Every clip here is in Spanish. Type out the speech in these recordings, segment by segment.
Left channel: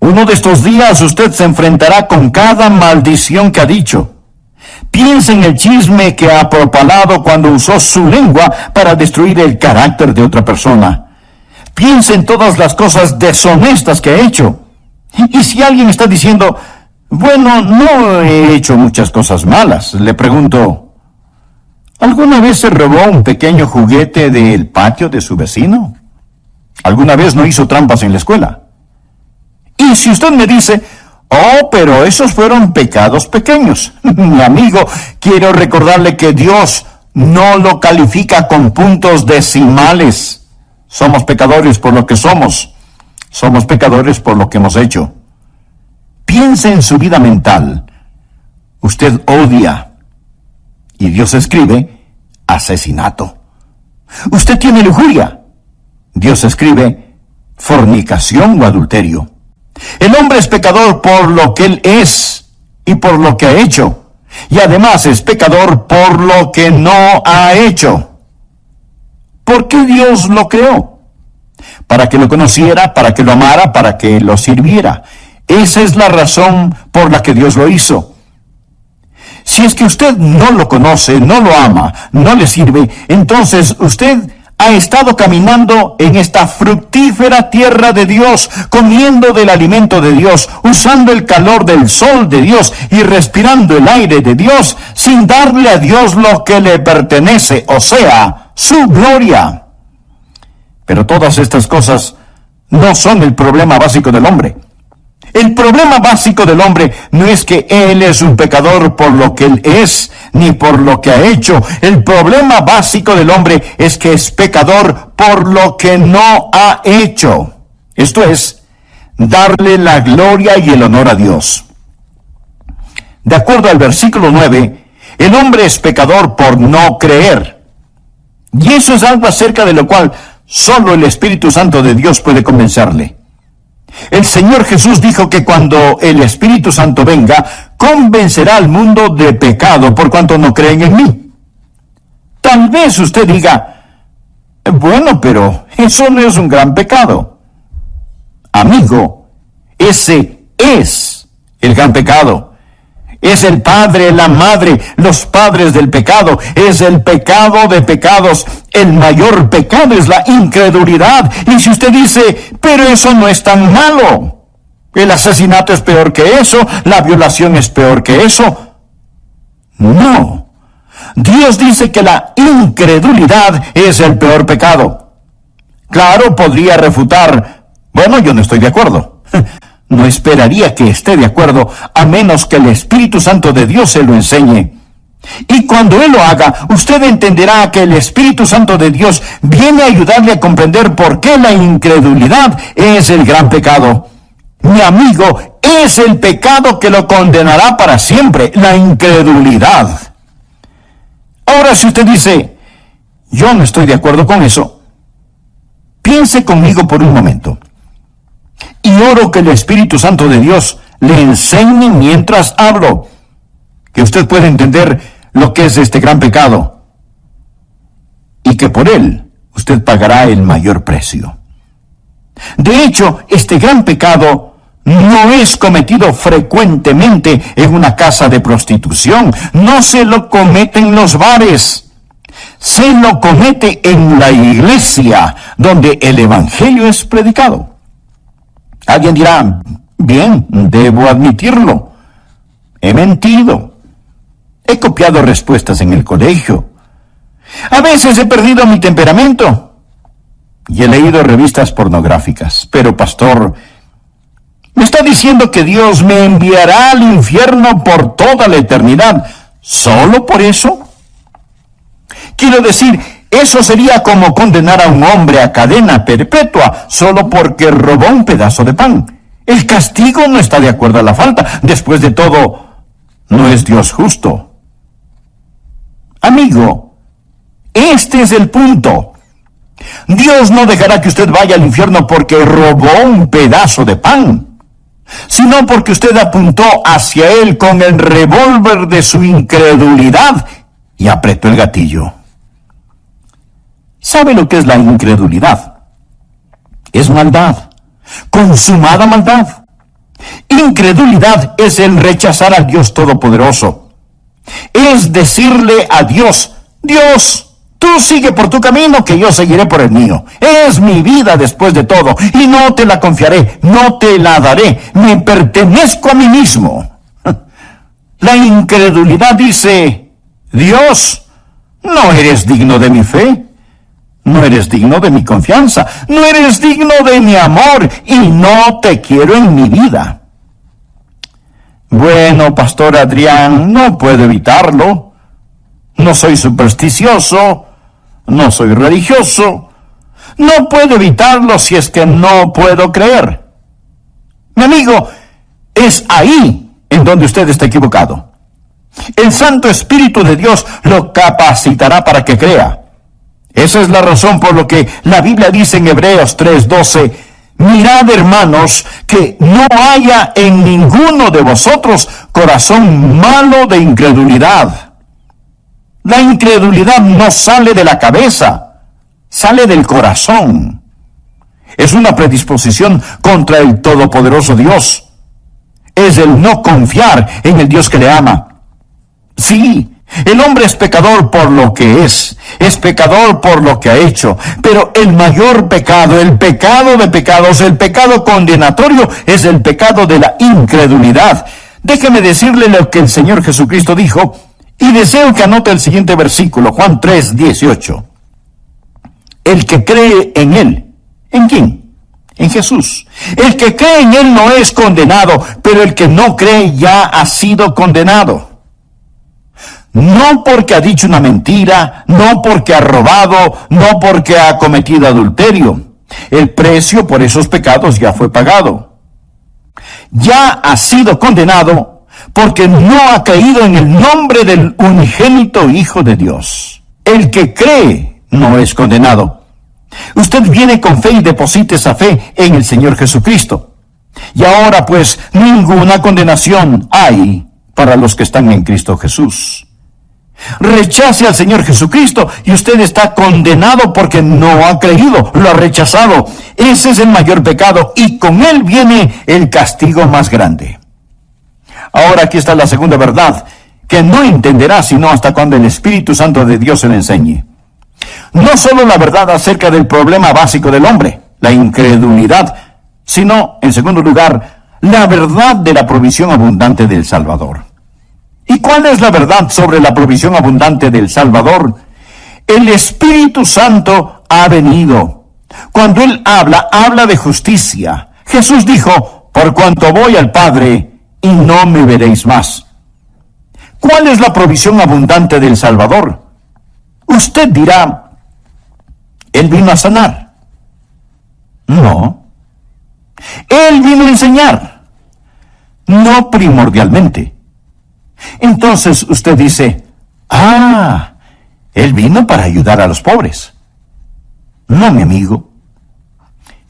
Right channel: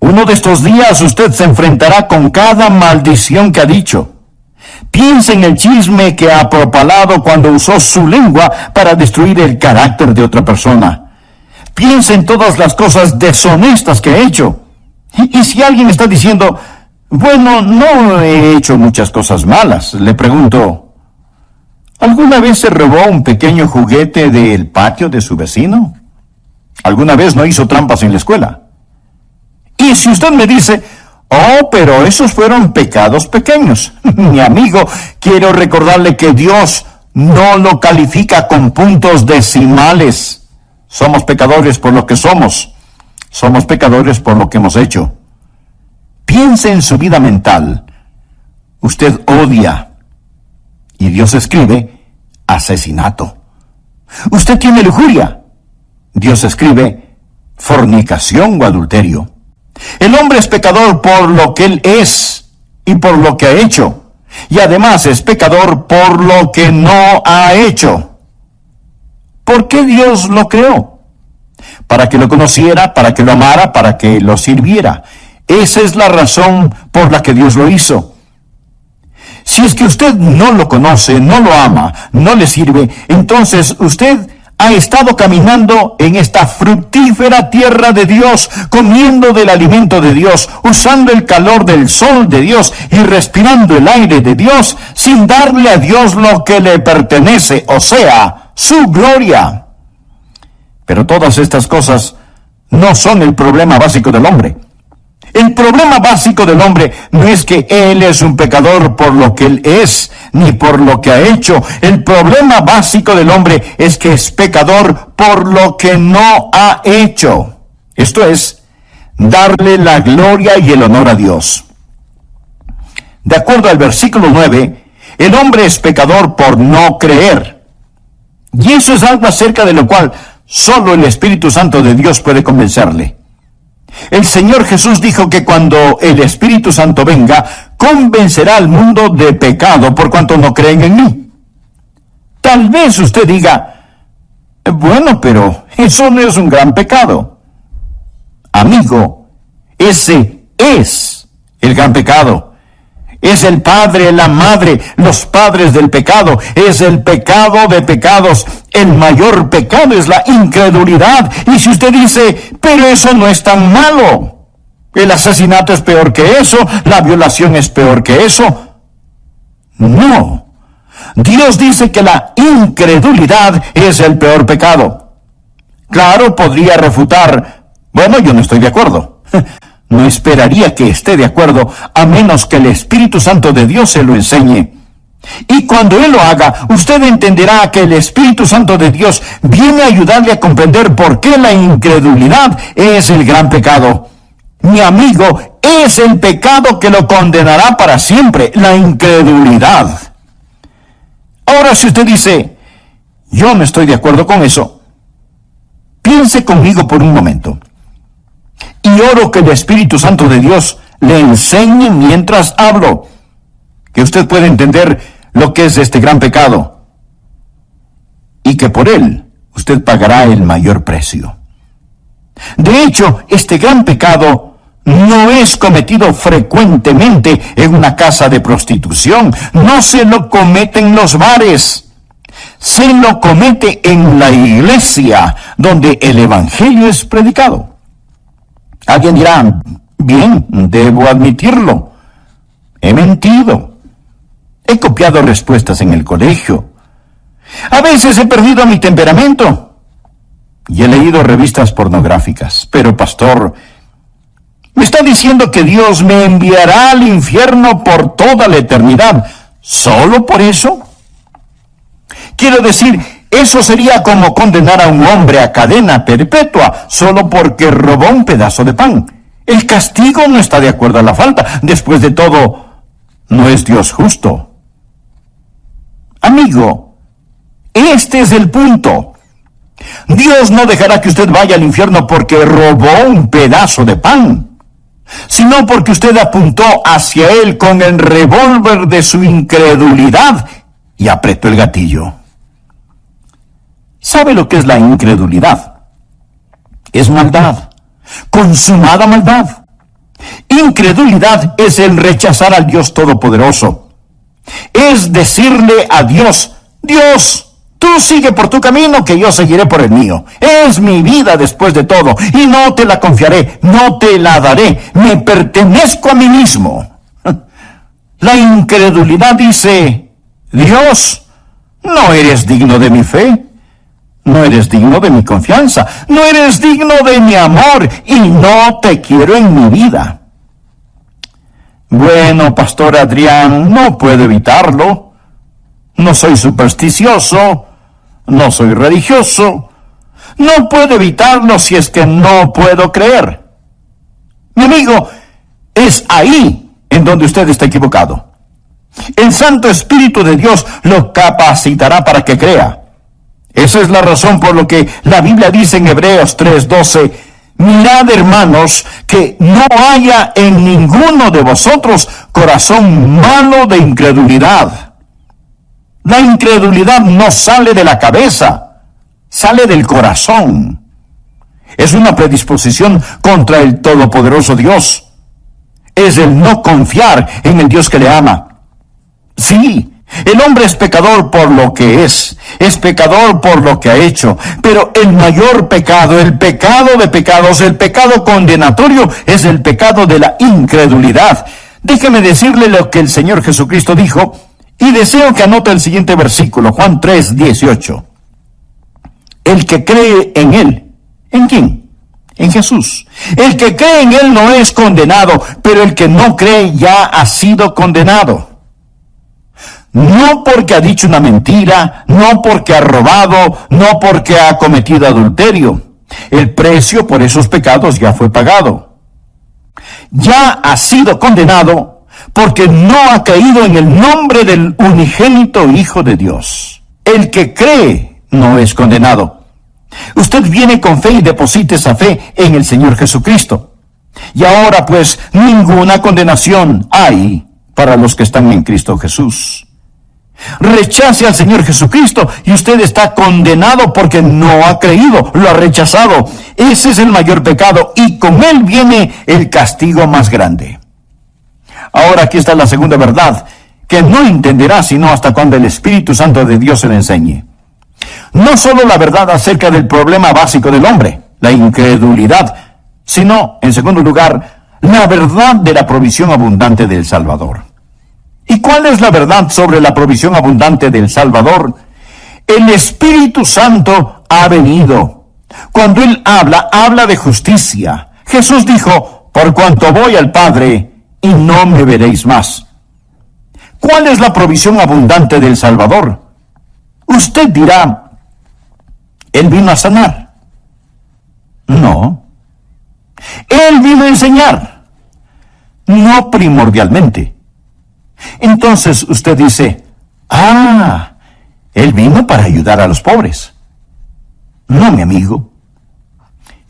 Uno de estos días usted se enfrentará con cada maldición que ha dicho. Piense en el chisme que ha propalado cuando usó su lengua para destruir el carácter de otra persona. Piense en todas las cosas deshonestas que ha hecho. Y si alguien está diciendo, bueno, no he hecho muchas cosas malas, le pregunto, ¿alguna vez se robó un pequeño juguete del patio de su vecino? ¿Alguna vez no hizo trampas en la escuela? Y si usted me dice, oh, pero esos fueron pecados pequeños, mi amigo, quiero recordarle que Dios no lo califica con puntos decimales. Somos pecadores por lo que somos. Somos pecadores por lo que hemos hecho. Piense en su vida mental. Usted odia. Y Dios escribe asesinato. Usted tiene lujuria. Dios escribe fornicación o adulterio. El hombre es pecador por lo que él es y por lo que ha hecho. Y además es pecador por lo que no ha hecho. ¿Por qué Dios lo creó? Para que lo conociera, para que lo amara, para que lo sirviera. Esa es la razón por la que Dios lo hizo. Si es que usted no lo conoce, no lo ama, no le sirve, entonces usted ha estado caminando en esta fructífera tierra de Dios, comiendo del alimento de Dios, usando el calor del sol de Dios y respirando el aire de Dios, sin darle a Dios lo que le pertenece, o sea, su gloria. Pero todas estas cosas no son el problema básico del hombre. El problema básico del hombre no es que él es un pecador por lo que él es, ni por lo que ha hecho. El problema básico del hombre es que es pecador por lo que no ha hecho. Esto es, darle la gloria y el honor a Dios. De acuerdo al versículo 9, el hombre es pecador por no creer. Y eso es algo acerca de lo cual solo el Espíritu Santo de Dios puede convencerle. El Señor Jesús dijo que cuando el Espíritu Santo venga, convencerá al mundo de pecado por cuanto no creen en mí. Tal vez usted diga, bueno, pero eso no es un gran pecado. Amigo, ese es el gran pecado. Es el padre, la madre, los padres del pecado. Es el pecado de pecados. El mayor pecado es la incredulidad. Y si usted dice, pero eso no es tan malo. El asesinato es peor que eso. La violación es peor que eso. No. Dios dice que la incredulidad es el peor pecado. Claro, podría refutar, bueno, yo no estoy de acuerdo. No esperaría que esté de acuerdo, a menos que el Espíritu Santo de Dios se lo enseñe. Y cuando Él lo haga, usted entenderá que el Espíritu Santo de Dios viene a ayudarle a comprender por qué la incredulidad es el gran pecado. Mi amigo, es el pecado que lo condenará para siempre, la incredulidad. Ahora, si usted dice, yo no estoy de acuerdo con eso, piense conmigo por un momento. Y oro que el Espíritu Santo de Dios le enseñe mientras hablo, que usted pueda entender lo que es este gran pecado, y que por él usted pagará el mayor precio. De hecho, este gran pecado no es cometido frecuentemente en una casa de prostitución, no se lo comete en los bares, se lo comete en la iglesia, donde el Evangelio es predicado. Alguien dirá, bien, debo admitirlo. He mentido. He copiado respuestas en el colegio. A veces he perdido mi temperamento. Y he leído revistas pornográficas. Pero, pastor, ¿me está diciendo que Dios me enviará al infierno por toda la eternidad solo por eso? Quiero decir, eso sería como condenar a un hombre a cadena perpetua solo porque robó un pedazo de pan. El castigo no está de acuerdo a la falta. Después de todo, no es Dios justo. Amigo, este es el punto. Dios no dejará que usted vaya al infierno porque robó un pedazo de pan, sino porque usted apuntó hacia él con el revólver de su incredulidad y apretó el gatillo. ¿Sabe lo que es la incredulidad? Es maldad, consumada maldad. Incredulidad es el rechazar al Dios Todopoderoso. Es decirle a Dios, Dios, tú sigue por tu camino, que yo seguiré por el mío. Es mi vida después de todo, y no te la confiaré, no te la daré. Me pertenezco a mí mismo. La incredulidad dice, Dios, no eres digno de mi fe. No eres digno de mi confianza, no eres digno de mi amor, y no te quiero en mi vida. Bueno, Pastor Adrián, no puedo evitarlo. No soy supersticioso, no soy religioso. No puedo evitarlo si es que no puedo creer. Mi amigo, es ahí en donde usted está equivocado. El Santo Espíritu de Dios lo capacitará para que crea. Esa es la razón por lo que la Biblia dice en Hebreos 3:12, mirad, hermanos, que no haya en ninguno de vosotros corazón malo de incredulidad. La incredulidad no sale de la cabeza, sale del corazón. Es una predisposición contra el Todopoderoso Dios. Es el no confiar en el Dios que le ama. Sí, el hombre es pecador por lo que es pecador por lo que ha hecho, pero el mayor pecado, el pecado de pecados, el pecado condenatorio, es el pecado de la incredulidad. Déjeme decirle lo que el Señor Jesucristo dijo, y deseo que anote el siguiente versículo, Juan 3:18. El que cree en Él, ¿en quién? En Jesús. El que cree en Él no es condenado, pero el que no cree ya ha sido condenado. No porque ha dicho una mentira, no porque ha robado, no porque ha cometido adulterio. El precio por esos pecados ya fue pagado. Ya ha sido condenado porque no ha creído en el nombre del unigénito Hijo de Dios. El que cree no es condenado. Usted viene con fe y deposita esa fe en el Señor Jesucristo. Y ahora pues ninguna condenación hay para los que están en Cristo Jesús. Rechace al Señor Jesucristo y usted está condenado porque no ha creído, lo ha rechazado. Ese es el mayor pecado y con él viene el castigo más grande. Ahora aquí está la segunda verdad, que no entenderá sino hasta cuando el Espíritu Santo de Dios se le enseñe. No solo la verdad acerca del problema básico del hombre, la incredulidad, sino, en segundo lugar, la verdad de la provisión abundante del Salvador. ¿Y cuál es la verdad sobre la provisión abundante del Salvador? El Espíritu Santo ha venido. Cuando Él habla de justicia. Jesús dijo, por cuanto voy al Padre, y no me veréis más. ¿Cuál es la provisión abundante del Salvador? Usted dirá, Él vino a sanar. No. Él vino a enseñar. No primordialmente. Entonces usted dice, Él vino para ayudar a los pobres. No, mi amigo.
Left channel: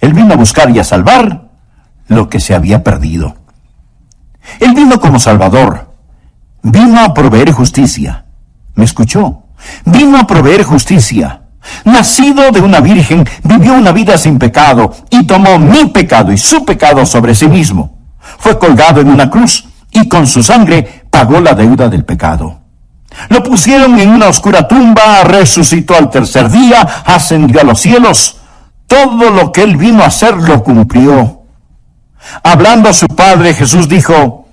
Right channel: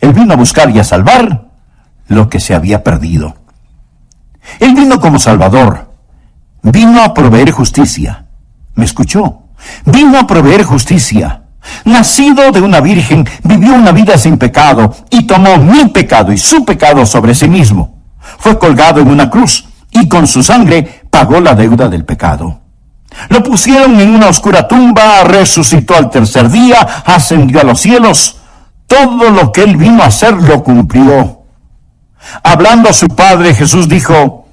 Él vino a buscar y a salvar lo que se había perdido. Él vino como Salvador. Vino a proveer justicia. ¿Me escuchó? Vino a proveer justicia. Nacido de una virgen, vivió una vida sin pecado y tomó mi pecado y su pecado sobre sí mismo. Fue colgado en una cruz y con su sangre pagó la deuda del pecado. Lo pusieron en una oscura tumba, resucitó al tercer día, ascendió a los cielos. Todo lo que Él vino a hacer lo cumplió. Hablando a su Padre, Jesús dijo,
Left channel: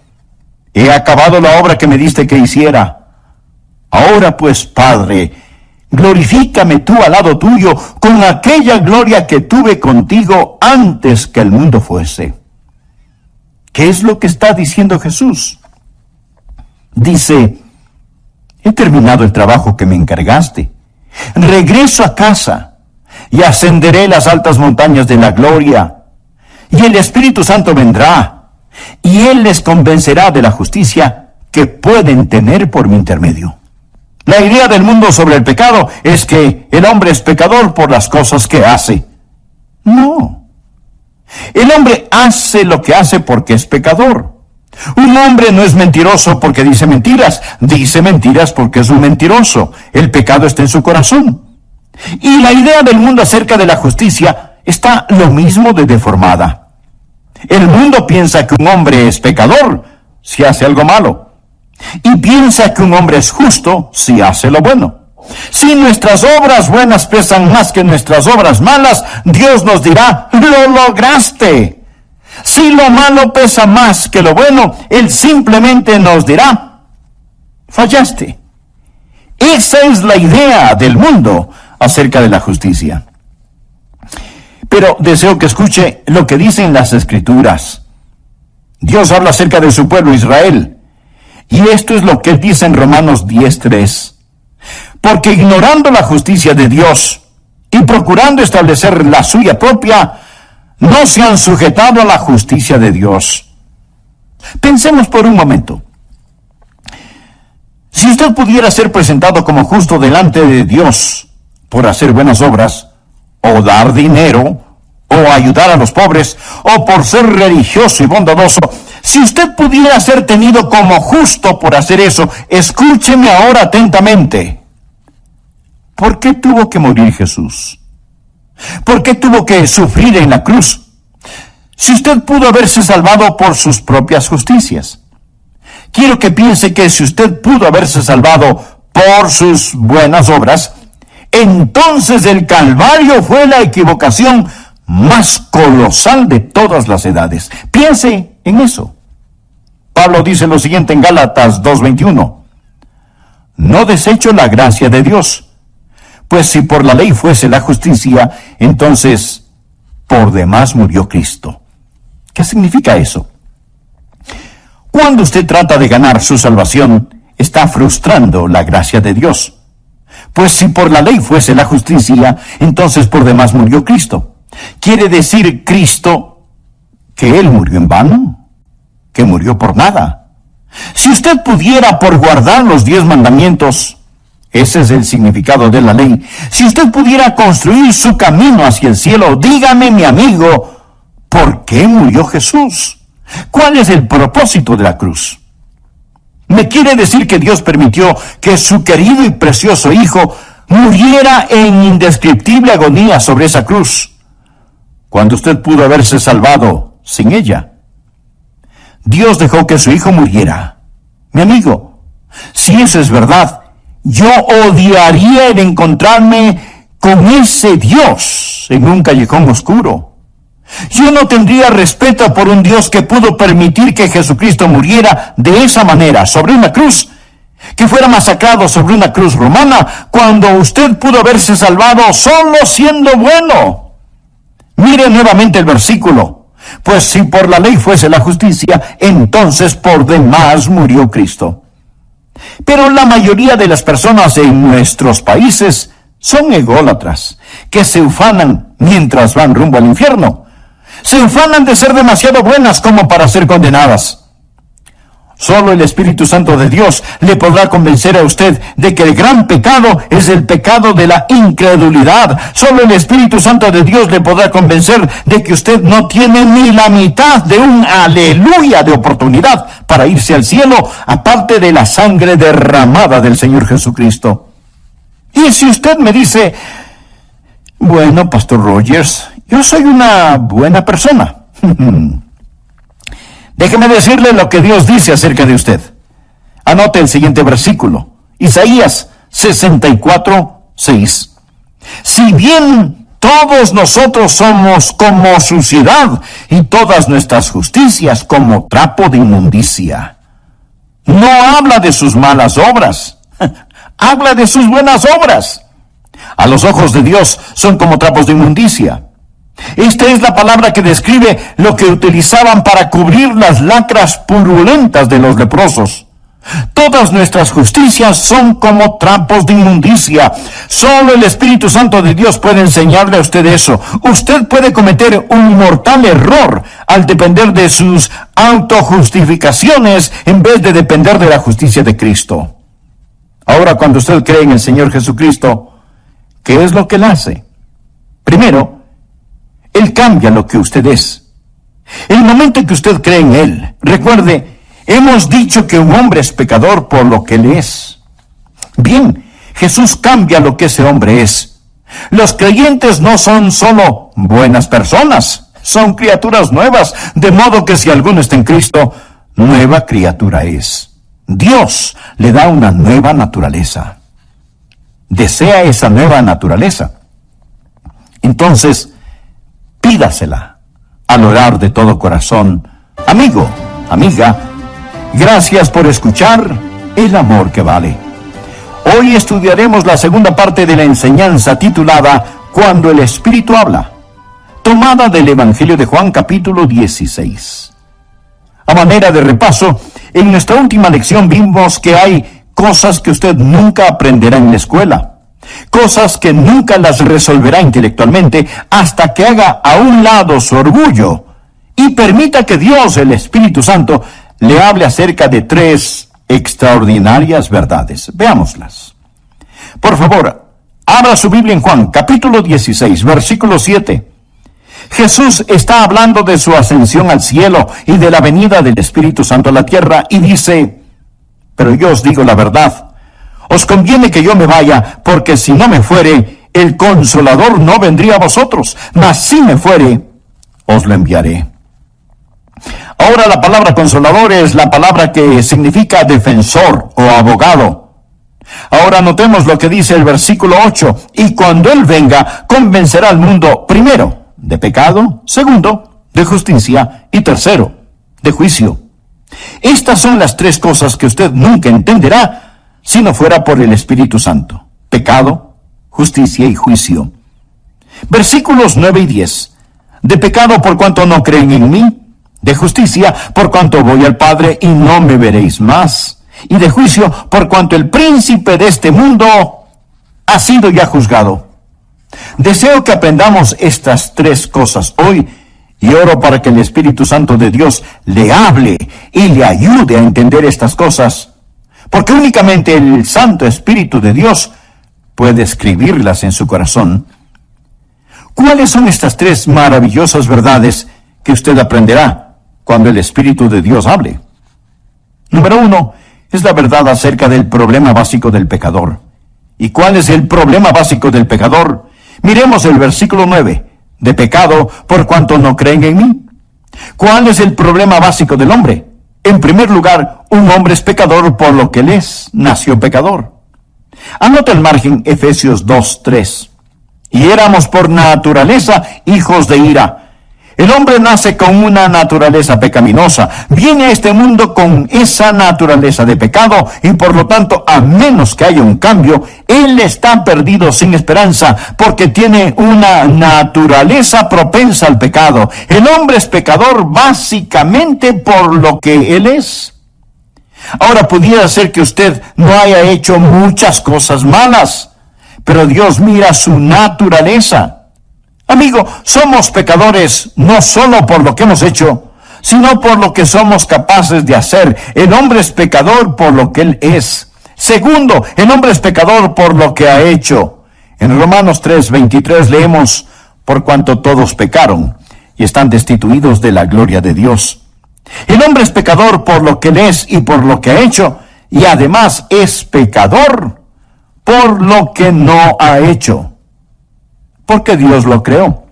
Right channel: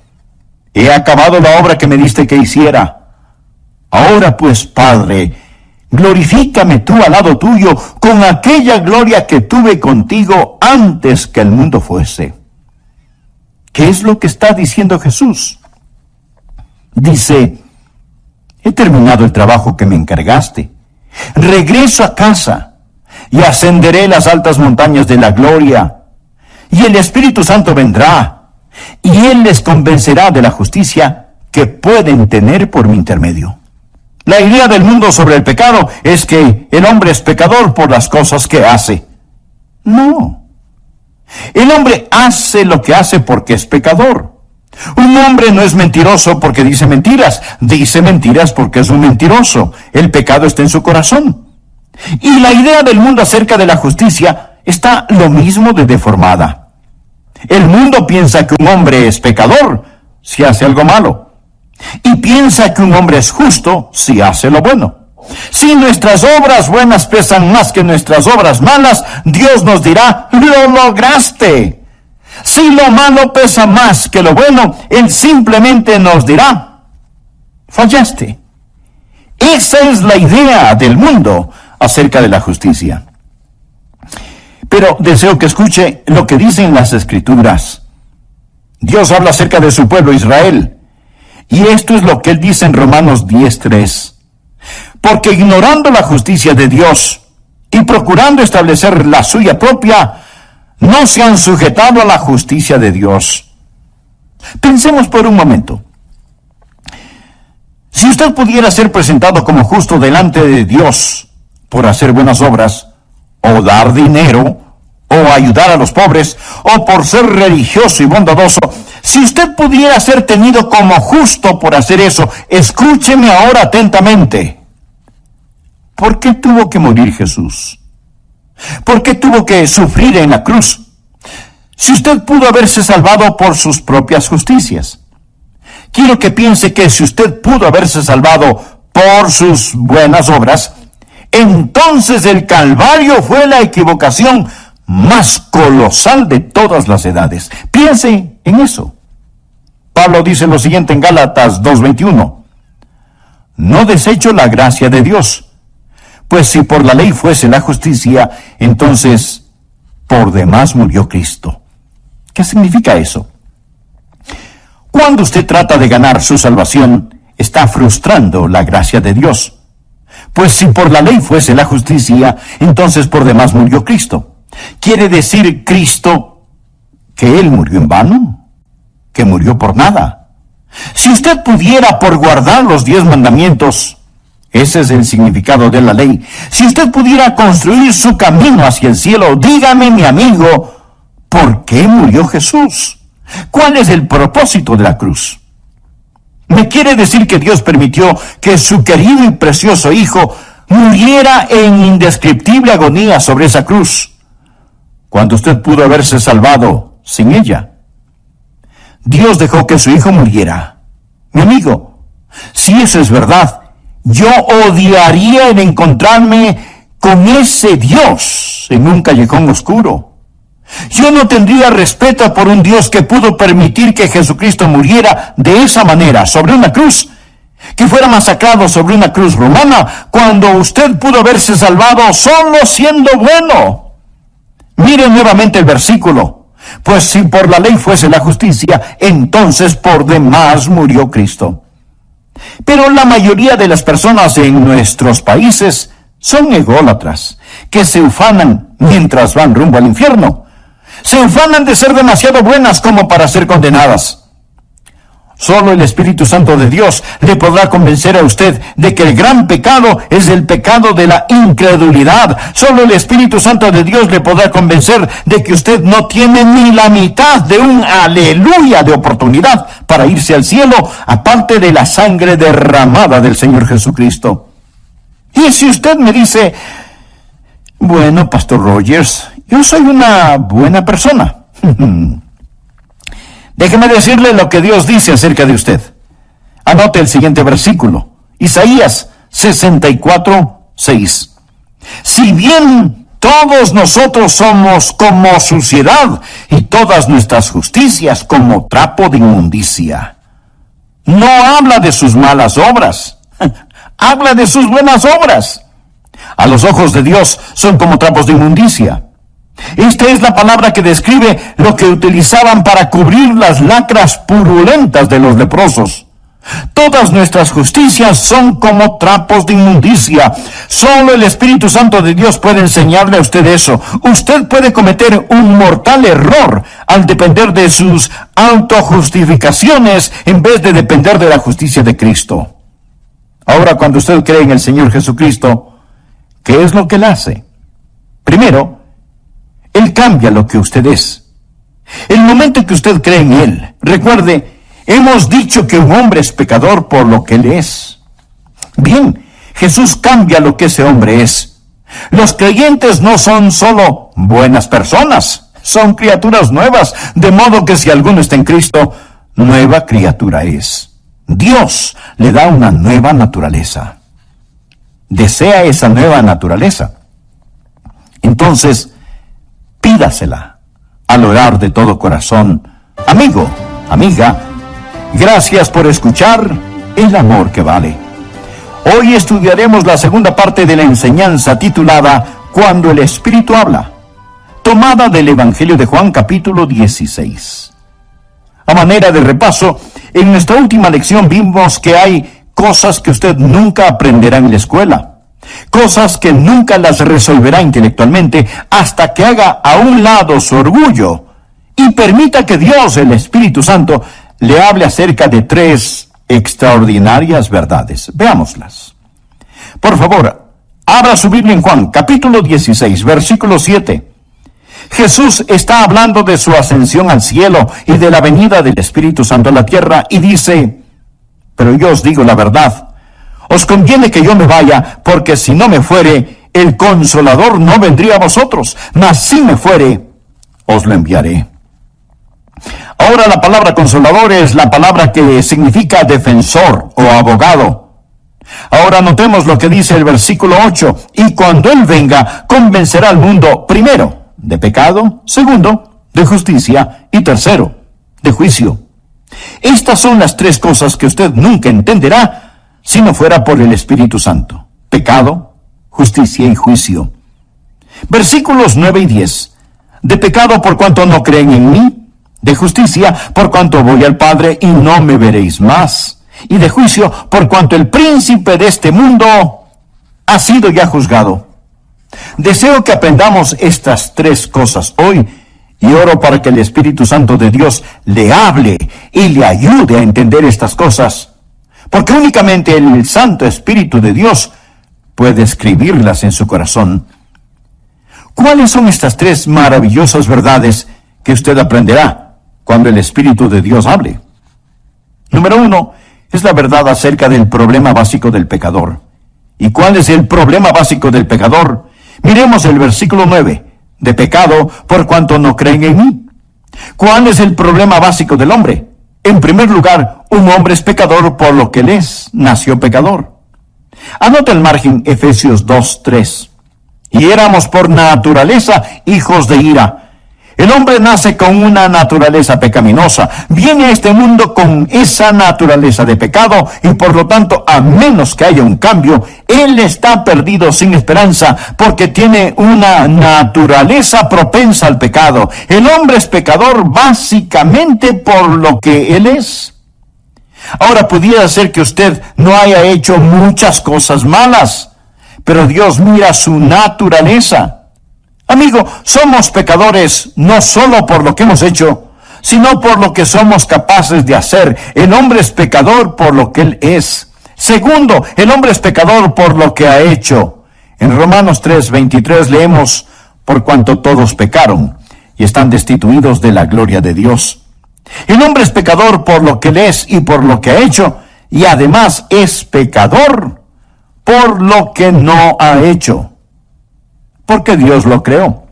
he acabado la obra que me diste que hiciera. Ahora pues, Padre, glorifícame tú al lado tuyo con aquella gloria que tuve contigo antes que el mundo fuese. ¿Qué es lo que está diciendo Jesús? Dice, he terminado el trabajo que me encargaste. Regreso a casa y ascenderé las altas montañas de la gloria. Y el Espíritu Santo vendrá y Él les convencerá de la justicia que pueden tener por mi intermedio. La idea del mundo sobre el pecado es que el hombre es pecador por las cosas que hace. No. El hombre hace lo que hace porque es pecador. Un hombre no es mentiroso porque dice mentiras porque es un mentiroso. El pecado está en su corazón. Y la idea del mundo acerca de la justicia está lo mismo de deformada. El mundo piensa que un hombre es pecador si hace algo malo, y piensa que un hombre es justo si hace lo bueno. Si nuestras obras buenas pesan más que nuestras obras malas, Dios nos dirá, ¡lo lograste! Si lo malo pesa más que lo bueno, Él simplemente nos dirá, fallaste. Esa es la idea del mundo acerca de la justicia. Pero deseo que escuche lo que dicen las Escrituras. Dios habla acerca de su pueblo Israel. Y esto es lo que Él dice en Romanos 10:3. Porque ignorando la justicia de Dios y procurando establecer la suya propia, no se han sujetado a la justicia de Dios. Pensemos por un momento. Si usted pudiera ser presentado como justo delante de Dios por hacer buenas obras, o dar dinero, o ayudar a los pobres, o por ser religioso y bondadoso, si usted pudiera ser tenido como justo por hacer eso, escúcheme ahora atentamente. ¿Por qué tuvo que morir Jesús? ¿Por qué tuvo que sufrir en la cruz? Si usted pudo haberse salvado por sus propias justicias. Quiero que piense que si usted pudo haberse salvado por sus buenas obras, entonces el Calvario fue la equivocación más colosal de todas las edades. Piense en eso. Pablo dice lo siguiente en Gálatas 2:21. No desecho la gracia de Dios, pues si por la ley fuese la justicia, entonces por demás murió Cristo. ¿Qué significa eso? Cuando usted trata de ganar su salvación, está frustrando la gracia de Dios. Pues si por la ley fuese la justicia, entonces por demás murió Cristo. ¿Quiere decir Cristo que Él murió en vano? ¿Que murió por nada? Si usted pudiera por guardar los 10 mandamientos, ese es el significado de la ley, si usted pudiera construir su camino hacia el cielo, dígame, mi amigo, ¿por qué murió Jesús? ¿Cuál es el propósito de la cruz? ¿Me quiere decir que Dios permitió que su querido y precioso Hijo muriera en indescriptible agonía sobre esa cruz, cuando usted pudo haberse salvado sin ella? Dios dejó que su Hijo muriera. Mi amigo, si eso es verdad, yo odiaría el encontrarme con ese Dios en un callejón oscuro. Yo no tendría respeto por un Dios que pudo permitir que Jesucristo muriera de esa manera, sobre una cruz, que fuera masacrado sobre una cruz romana, cuando usted pudo haberse salvado solo siendo bueno. Mire nuevamente el versículo. Pues si por la ley fuese la justicia, entonces por demás murió Cristo. Pero la mayoría de las personas en nuestros países son ególatras, que se ufanan mientras van rumbo al infierno. Se ufanan de ser demasiado buenas como para ser condenadas. Solo el Espíritu Santo de Dios le podrá convencer a usted de que el gran pecado es el pecado de la incredulidad. Solo el Espíritu Santo de Dios le podrá convencer de que usted no tiene ni la mitad de un aleluya de oportunidad para irse al cielo, aparte de la sangre derramada del Señor Jesucristo. Y si usted me dice, bueno, Pastor Rogers, yo soy una buena persona. Déjeme decirle lo que Dios dice acerca de usted. Anote el siguiente versículo. Isaías 64:6. Si bien todos nosotros somos como suciedad y todas nuestras justicias como trapo de inmundicia. No habla de sus malas obras. Habla de sus buenas obras. A los ojos de Dios son como trapos de inmundicia. Esta es la palabra que describe lo que utilizaban para cubrir las lacras purulentas de los leprosos. Todas nuestras justicias son como trapos de inmundicia. Solo el Espíritu Santo de Dios puede enseñarle a usted eso. Usted puede cometer un mortal error al depender de sus autojustificaciones en vez de depender de la justicia de Cristo. Ahora, cuando usted cree en el Señor Jesucristo, ¿qué es lo que Él hace? Primero, Él cambia lo que usted es. El momento en que usted cree en Él, recuerde, hemos dicho que un hombre es pecador por lo que Él es. Bien, Jesús cambia lo que ese hombre es. Los creyentes no son solo buenas personas, son criaturas nuevas, de modo que si alguno está en Cristo, nueva criatura es. Dios le da una nueva naturaleza. Desea esa nueva naturaleza. Entonces, pídasela al orar de todo corazón. Amigo, amiga, gracias por escuchar El Amor que Vale. Hoy estudiaremos la segunda parte de la enseñanza titulada Cuando el Espíritu habla, tomada del Evangelio de Juan capítulo 16. A manera de repaso, en nuestra última lección vimos que hay cosas que usted nunca aprenderá en la escuela, cosas que nunca las resolverá intelectualmente hasta que haga a un lado su orgullo y permita que Dios, el Espíritu Santo, le hable acerca de 3 extraordinarias verdades. Veámoslas. Por favor, abra su Biblia en Juan, capítulo 16, versículo 7. Jesús está hablando de su ascensión al cielo y de la venida del Espíritu Santo a la tierra y dice, pero yo os digo la verdad, os conviene que yo me vaya, porque si no me fuere, el Consolador no vendría a vosotros, mas si me fuere, os lo enviaré. Ahora la palabra consolador es la palabra que significa defensor o abogado. Ahora notemos lo que dice el versículo 8. Y cuando Él venga, convencerá al mundo, primero, de pecado, segundo, de justicia, y tercero, de juicio. Estas son las 3 cosas que usted nunca entenderá si no fuera por el Espíritu Santo. Pecado, justicia y juicio. Versículos 9 y 10. De pecado por cuanto no creen en mí. De justicia, por cuanto voy al Padre y no me veréis más. Y de juicio, por cuanto el príncipe de este mundo ha sido ya juzgado. Deseo que aprendamos estas 3 cosas hoy y oro para que el Espíritu Santo de Dios le hable y le ayude a entender estas cosas, porque únicamente el Santo Espíritu de Dios puede escribirlas en su corazón. ¿Cuáles son estas 3 maravillosas verdades que usted aprenderá cuando el Espíritu de Dios hable? Número 1, es la verdad acerca del problema básico del pecador. ¿Y cuál es el problema básico del pecador? Miremos el versículo 9. De pecado por cuanto no creen en mí. ¿Cuál es el problema básico del hombre? En primer lugar, un hombre es pecador por lo que él es, nació pecador. Anota al margen Efesios 2:3. Y éramos por naturaleza hijos de ira. El hombre nace con una naturaleza pecaminosa, viene a este mundo con esa naturaleza de pecado y por lo tanto, a menos que haya un cambio, él está perdido sin esperanza porque tiene una naturaleza propensa al pecado. El hombre es pecador básicamente por lo que él es. Ahora, pudiera ser que usted no haya hecho muchas cosas malas, pero Dios mira su naturaleza. Amigo, somos pecadores no solo por lo que hemos hecho, sino por lo que somos capaces de hacer. El hombre es pecador por lo que él es. Segundo, el hombre es pecador por lo que ha hecho. En Romanos 3:23 leemos, por cuanto todos pecaron y están destituidos de la gloria de Dios. El hombre es pecador por lo que él es y por lo que ha hecho, y además es pecador por lo que no ha hecho. Porque Dios lo creó,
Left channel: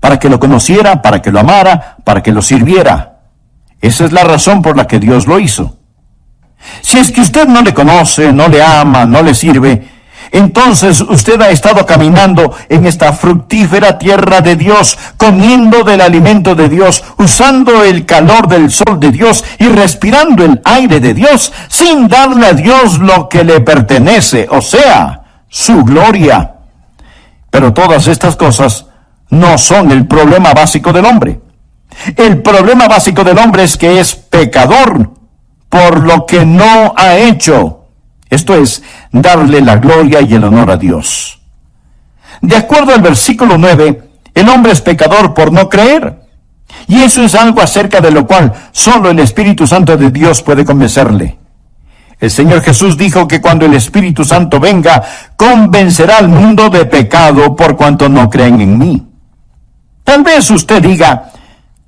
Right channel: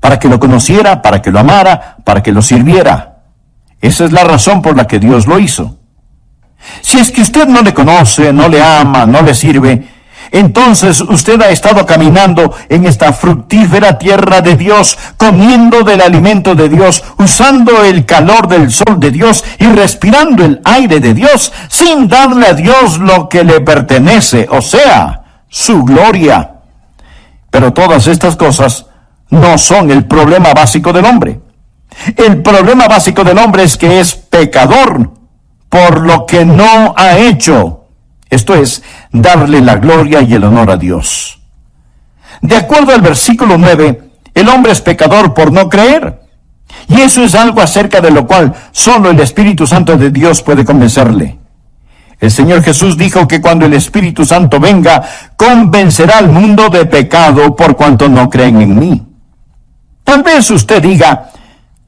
para que lo conociera, para que lo amara, para que lo sirviera. Esa es la razón por la que Dios lo hizo. Si es que usted no le conoce, no le ama, no le sirve, entonces usted ha estado caminando en esta fructífera tierra de Dios, comiendo del alimento de Dios, usando el calor del sol de Dios y respirando el aire de Dios, sin darle a Dios lo que le pertenece, o sea, su gloria. Pero todas estas cosas no son el problema básico del hombre. El problema básico del hombre es que es pecador por lo que no ha hecho. Esto es, darle la gloria y el honor a Dios. De acuerdo al versículo 9, el hombre es pecador por no creer. Y eso es algo acerca de lo cual solo el Espíritu Santo de Dios puede convencerle. El Señor Jesús dijo que cuando el Espíritu Santo venga, convencerá al mundo de pecado por cuanto no creen en mí. Tal vez usted diga,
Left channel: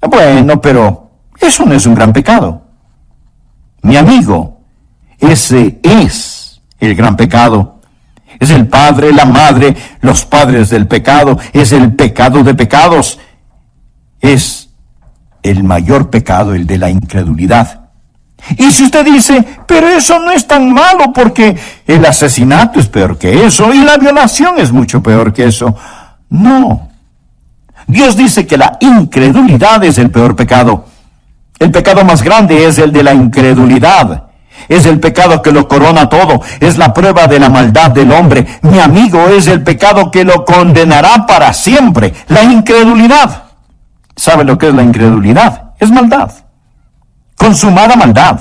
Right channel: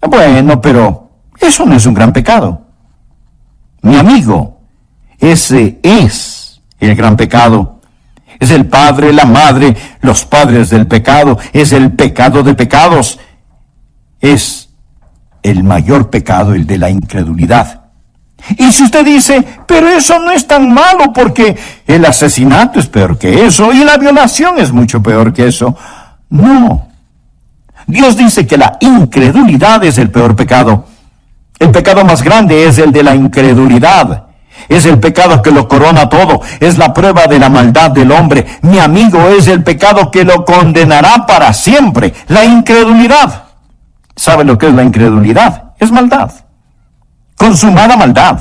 bueno, pero eso no es un gran pecado. Mi amigo, ese es el gran pecado. Es el padre, la madre, los padres del pecado. Es el pecado de pecados. es el mayor pecado, el de la incredulidad. Y si usted dice, pero eso no es tan malo porque el asesinato es peor que eso y la violación es mucho peor que eso. No. Dios dice que la incredulidad es el peor pecado. El pecado más grande es el de la incredulidad. Es el pecado que lo corona todo. Es la prueba de la maldad del hombre. Mi amigo, es el pecado que lo condenará para siempre. La incredulidad. ¿Sabe lo que es la incredulidad? Es maldad. Consumada maldad.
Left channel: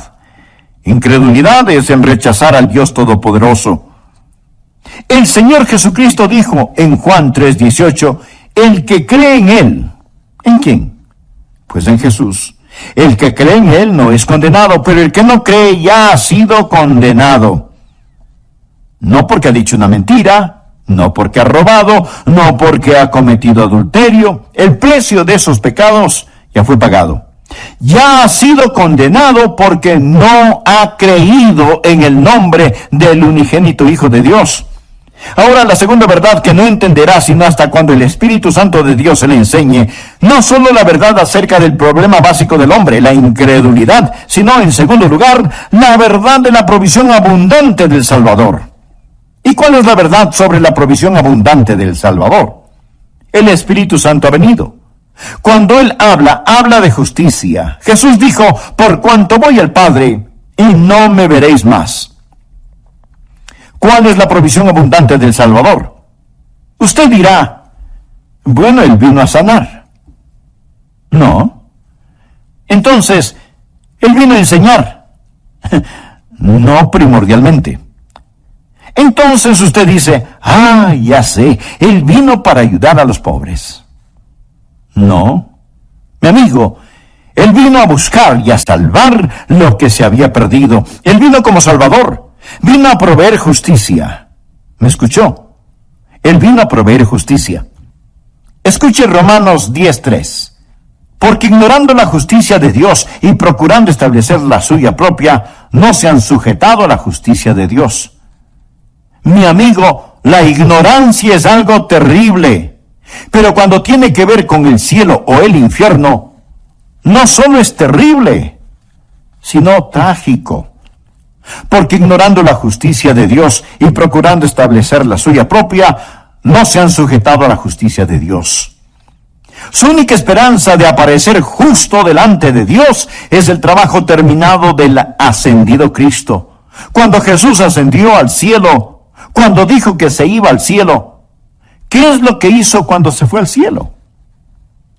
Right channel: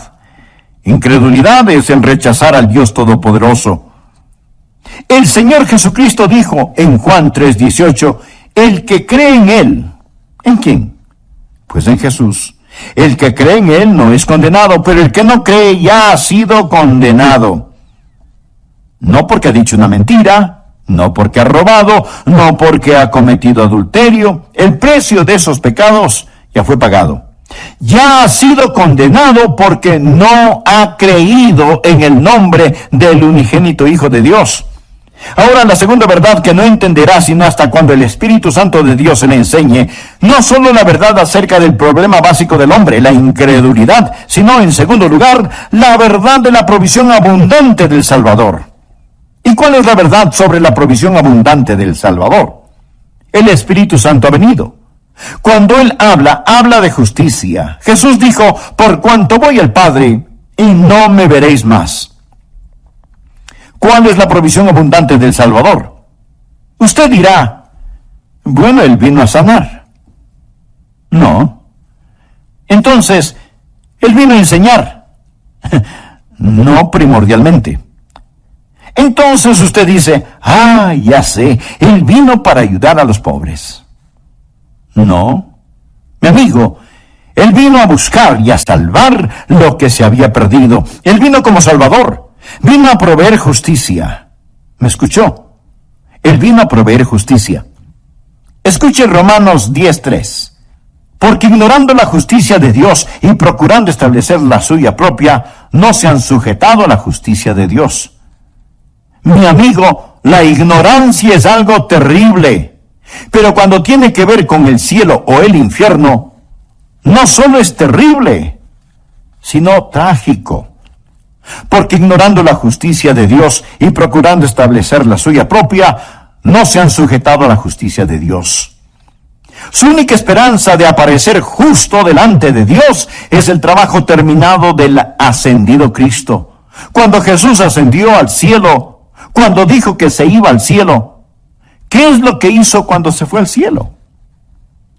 Incredulidad es el rechazar al Dios Todopoderoso. El Señor Jesucristo dijo en Juan 3:18, el que cree en Él. ¿En quién? Pues en Jesús. El que cree en Él no es condenado, pero el que no cree ya ha sido condenado. No porque ha dicho una mentira, no porque ha robado, no porque ha cometido adulterio. El precio de esos pecados ya fue pagado. Ya ha sido condenado porque no ha creído en el nombre del unigénito Hijo de Dios. Ahora, la segunda verdad que no entenderá sino hasta cuando el Espíritu Santo de Dios se le enseñe, no solo la verdad acerca del problema básico del hombre, la incredulidad, sino, en segundo lugar, la verdad de la provisión abundante del Salvador. ¿Y cuál es la verdad sobre la provisión abundante del Salvador? El Espíritu Santo ha venido. Cuando Él habla de justicia. Jesús dijo, por cuanto voy al Padre, y no me veréis más. ¿Cuál es la provisión abundante del Salvador? Usted dirá, bueno, Él vino a sanar. No. Entonces, Él vino a enseñar. No primordialmente. Entonces usted dice, ya sé, Él vino para ayudar a los pobres. No, mi amigo, Él vino a buscar y a salvar lo que se había perdido. Él vino como Salvador, vino a proveer justicia. ¿Me escuchó? Él vino a proveer justicia. Escuche Romanos 10:3. Porque ignorando la justicia de Dios y procurando establecer la suya propia, no se han sujetado a la justicia de Dios. Mi amigo, la ignorancia es algo terrible. Pero cuando tiene que ver con el cielo o el infierno, no solo es terrible, sino trágico. Porque ignorando la justicia de Dios y procurando establecer la suya propia, no se han sujetado a la justicia de Dios. Su única esperanza de aparecer justo delante de Dios es el trabajo terminado del ascendido Cristo. Cuando Jesús ascendió al cielo, cuando dijo que se iba al cielo, ¿qué es lo que hizo cuando se fue al cielo?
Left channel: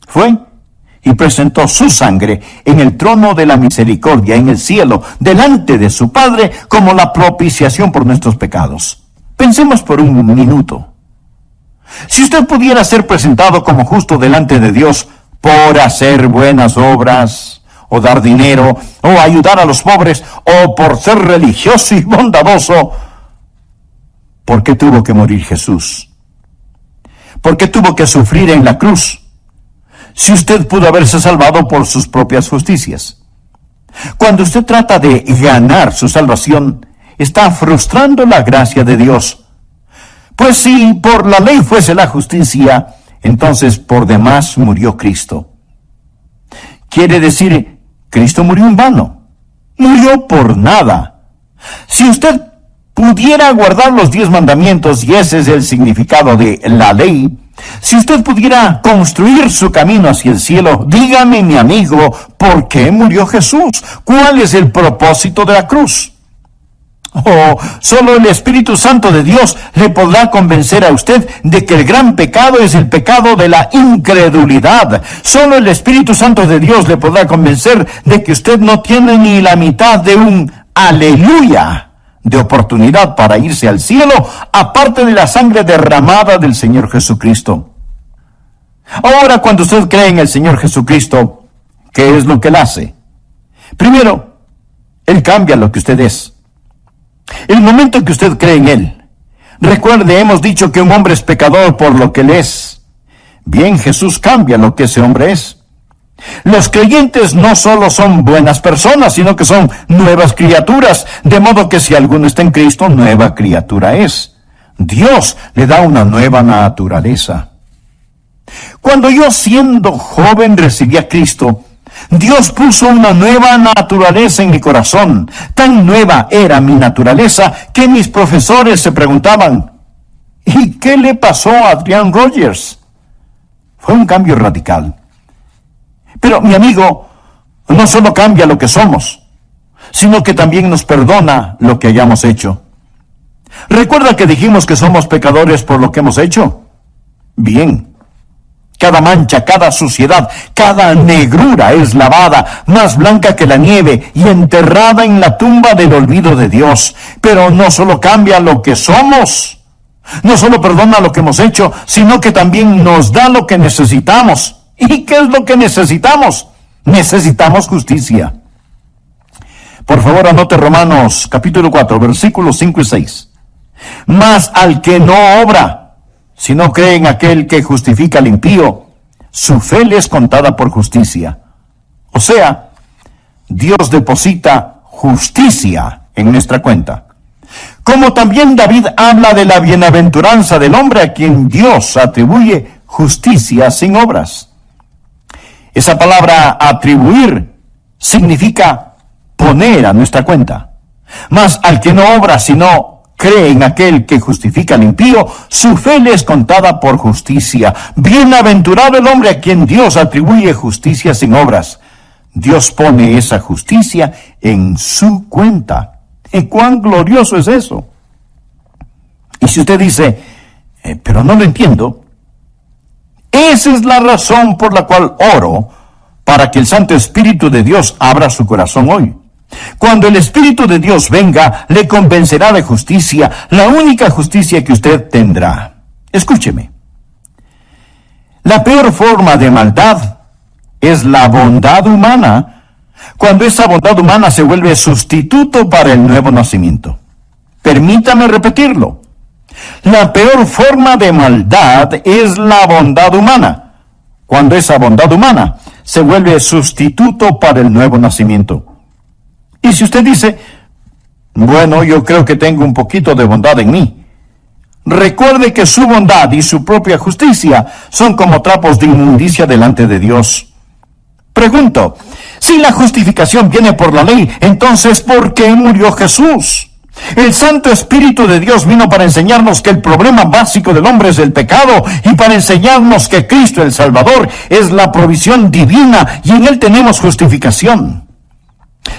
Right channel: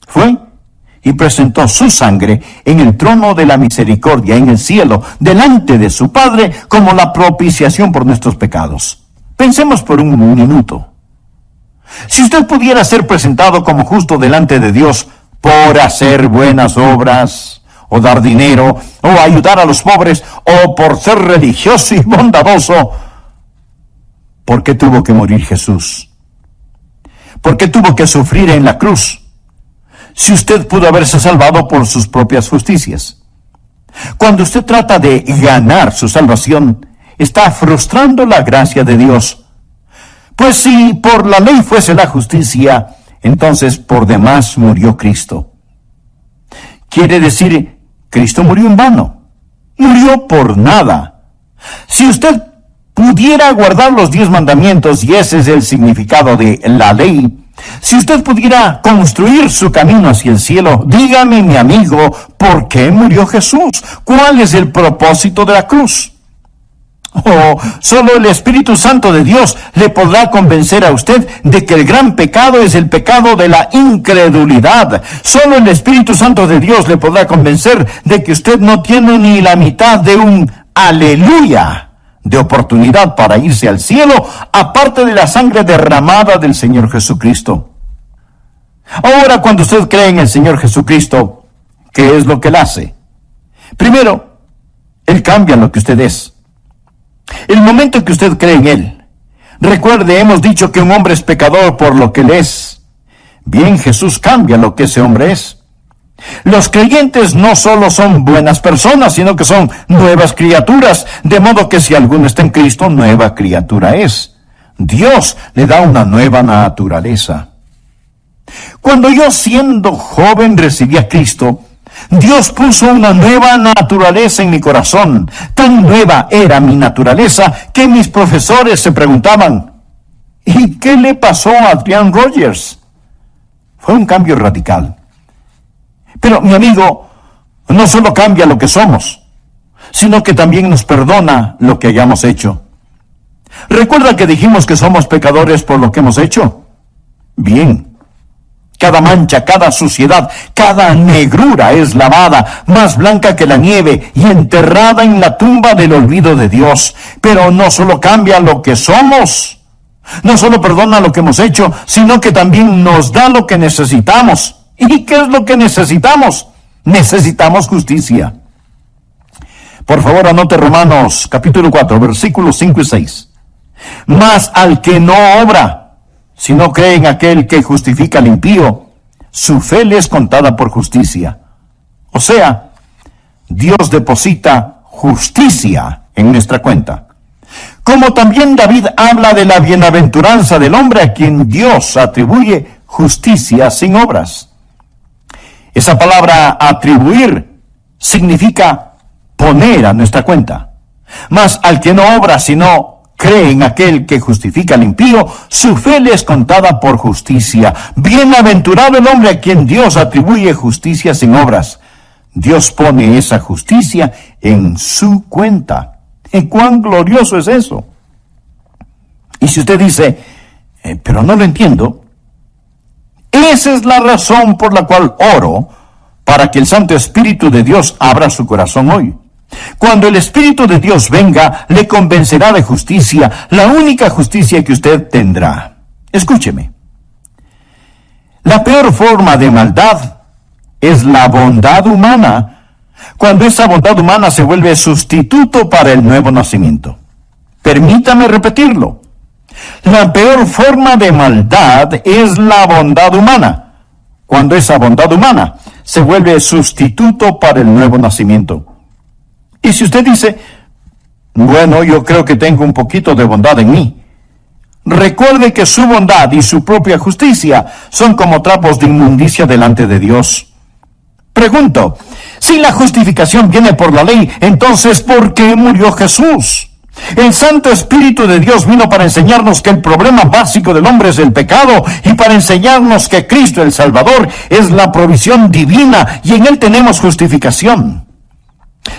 Fue y presentó su sangre en el trono de la misericordia en el cielo, delante de su Padre, como la propiciación por nuestros pecados. Pensemos por un minuto. Si usted pudiera ser presentado como justo delante de Dios por hacer buenas obras, o dar dinero, o ayudar a los pobres, o por ser religioso y bondadoso, ¿por qué tuvo que morir Jesús? ¿Por qué tuvo que sufrir en la cruz? Si usted pudo haberse salvado por sus propias justicias. Cuando usted trata de ganar su salvación, está frustrando la gracia de Dios. Pues si por la ley fuese la justicia, entonces por demás murió Cristo. Quiere decir, Cristo murió en vano. Murió por nada. Si usted pudiera guardar los 10 mandamientos, y ese es el significado de la ley, si usted pudiera construir su camino hacia el cielo, dígame, mi amigo, ¿por qué murió Jesús? ¿Cuál es el propósito de la cruz? Solo el Espíritu Santo de Dios le podrá convencer a usted de que el gran pecado es el pecado de la incredulidad. Solo el Espíritu Santo de Dios le podrá convencer de que usted no tiene ni la mitad de un aleluya de oportunidad para irse al cielo, aparte de la sangre derramada del Señor Jesucristo. Ahora, cuando usted cree en el Señor Jesucristo, ¿qué es lo que Él hace? Primero, Él cambia lo que usted es. El momento que usted cree en Él, recuerde, hemos dicho que un hombre es pecador por lo que Él es. Bien, Jesús cambia lo que ese hombre es. Los creyentes no solo son buenas personas, sino que son nuevas criaturas, de modo que si alguno está en Cristo, nueva criatura es. Dios le da una nueva naturaleza. Cuando yo siendo joven recibí a Cristo, Dios puso una nueva naturaleza en mi corazón. Tan nueva era mi naturaleza que mis profesores se preguntaban, ¿y qué le pasó a Adrian Rogers? Fue un cambio radical. Pero mi amigo, no solo cambia lo que somos, sino que también nos perdona lo que hayamos hecho. ¿Recuerda que dijimos que somos pecadores por lo que hemos hecho? Bien. Cada mancha, cada suciedad, cada negrura es lavada, más blanca que la nieve, y enterrada en la tumba del olvido de Dios. Pero no solo cambia lo que somos, no solo perdona lo que hemos hecho, sino que también nos da lo que necesitamos. ¿Y qué es lo que necesitamos? Necesitamos justicia. Por favor, anote Romanos capítulo 4, versículos 5 y 6. Mas al que no obra, si no cree en aquel que justifica al impío, su fe le es contada por justicia. O sea, Dios deposita justicia en nuestra cuenta. Como también David habla de la bienaventuranza del hombre a quien Dios atribuye justicia sin obras. Esa palabra atribuir significa poner a nuestra cuenta. Mas al que no obra, sino cree en aquel que justifica al impío, su fe le es contada por justicia. Bienaventurado el hombre a quien Dios atribuye justicia sin obras. Dios pone esa justicia en su cuenta. ¿Y cuán glorioso es eso? Y si usted dice, pero no lo entiendo, esa es la razón por la cual oro para que el Santo Espíritu de Dios abra su corazón hoy. Cuando el Espíritu de Dios venga, le convencerá de justicia, la única justicia que usted tendrá. Escúcheme. La peor forma de maldad es la bondad humana, cuando esa bondad humana se vuelve sustituto para el nuevo nacimiento. Permítame repetirlo. La peor forma de maldad es la bondad humana, cuando esa bondad humana se vuelve sustituto para el nuevo nacimiento. Y si usted dice, bueno, yo creo que tengo un poquito de bondad en mí, recuerde que su bondad y su propia justicia son como trapos de inmundicia delante de Dios. Pregunto, si la justificación viene por la ley, entonces ¿por qué murió Jesús? El Santo Espíritu de Dios vino para enseñarnos que el problema básico del hombre es el pecado y para enseñarnos que Cristo el Salvador es la provisión divina y en Él tenemos justificación.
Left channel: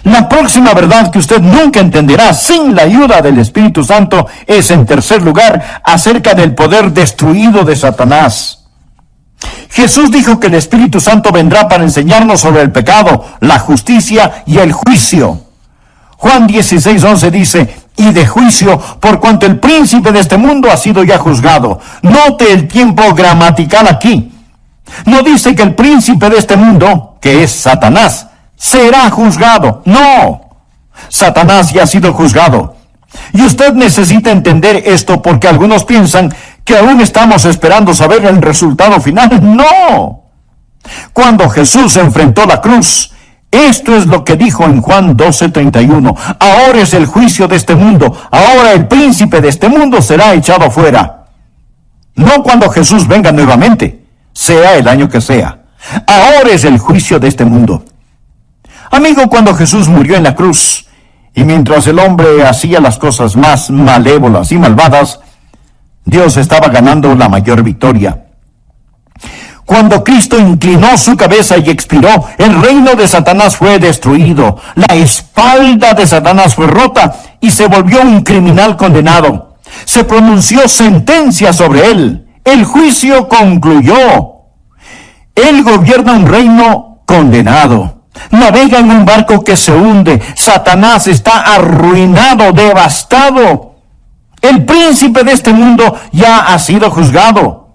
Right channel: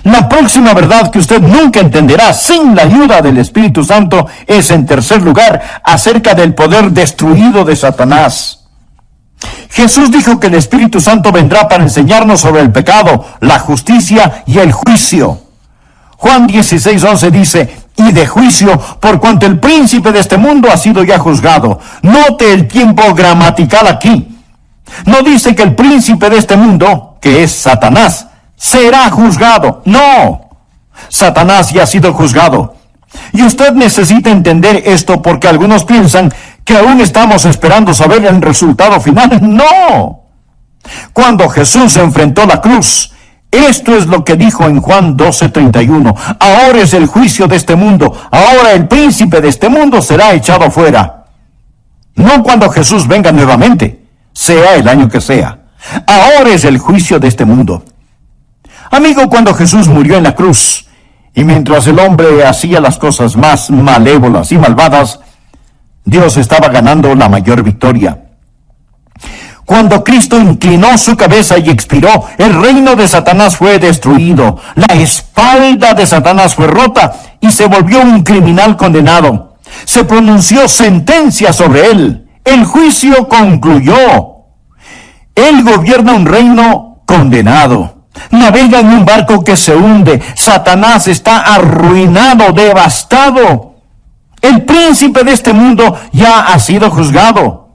La próxima verdad que usted nunca entenderá sin la ayuda del Espíritu Santo es, en tercer lugar, acerca del poder destruido de Satanás. Jesús dijo que el Espíritu Santo vendrá para enseñarnos sobre el pecado, la justicia y el juicio. Juan 16:11 dice, y de juicio, por cuanto el príncipe de este mundo ha sido ya juzgado. Note el tiempo gramatical aquí. No dice que el príncipe de este mundo, que es Satanás, será juzgado. No, Satanás ya ha sido juzgado. Y usted necesita entender esto porque algunos piensan que aún estamos esperando saber el resultado final. No. Cuando Jesús enfrentó la cruz, esto es lo que dijo en Juan 12:31. Ahora es el juicio de este mundo. Ahora el príncipe de este mundo será echado fuera. No cuando Jesús venga nuevamente, sea el año que sea. Ahora es el juicio de este mundo. Amigo, cuando Jesús murió en la cruz, y mientras el hombre hacía las cosas más malévolas y malvadas, Dios estaba ganando la mayor victoria. Cuando Cristo inclinó su cabeza y expiró, el reino de Satanás fue destruido, la espalda de Satanás fue rota y se volvió un criminal condenado. Se pronunció sentencia sobre él. El juicio concluyó. Él gobierna un reino condenado. Navega en un barco que se hunde. Satanás está arruinado, devastado. El príncipe de este mundo ya ha sido juzgado.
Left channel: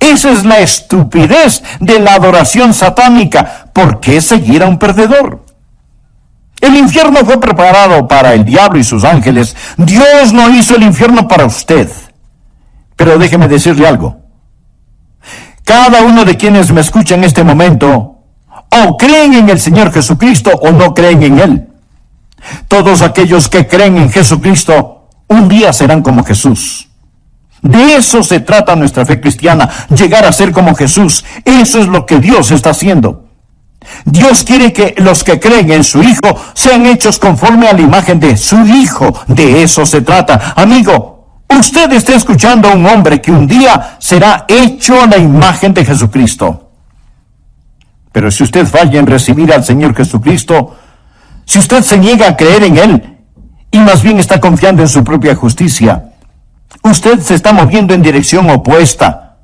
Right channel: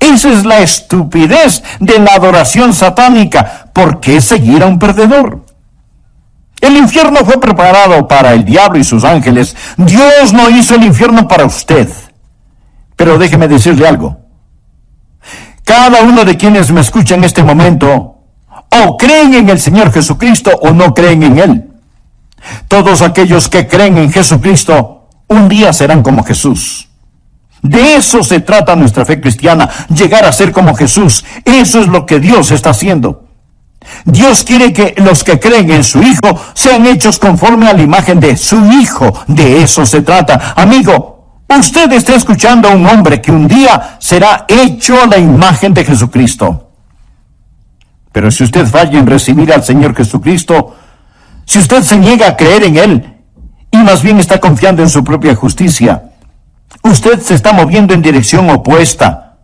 Esa es la estupidez de la adoración satánica. ¿Por qué seguir a un perdedor? El infierno fue preparado para el diablo y sus ángeles. Dios no hizo el infierno para usted. Pero déjeme decirle algo. Cada uno de quienes me escucha en este momento o creen en el Señor Jesucristo o no creen en Él. Todos aquellos que creen en Jesucristo un día serán como Jesús. De eso se trata nuestra fe cristiana, llegar a ser como Jesús. Eso es lo que Dios está haciendo. Dios quiere que los que creen en su Hijo sean hechos conforme a la imagen de su Hijo. De eso se trata. Amigo, usted está escuchando a un hombre que un día será hecho a la imagen de Jesucristo. Pero si usted falla en recibir al Señor Jesucristo, si usted se niega a creer en Él, y más bien está confiando en su propia justicia, usted se está moviendo en dirección opuesta.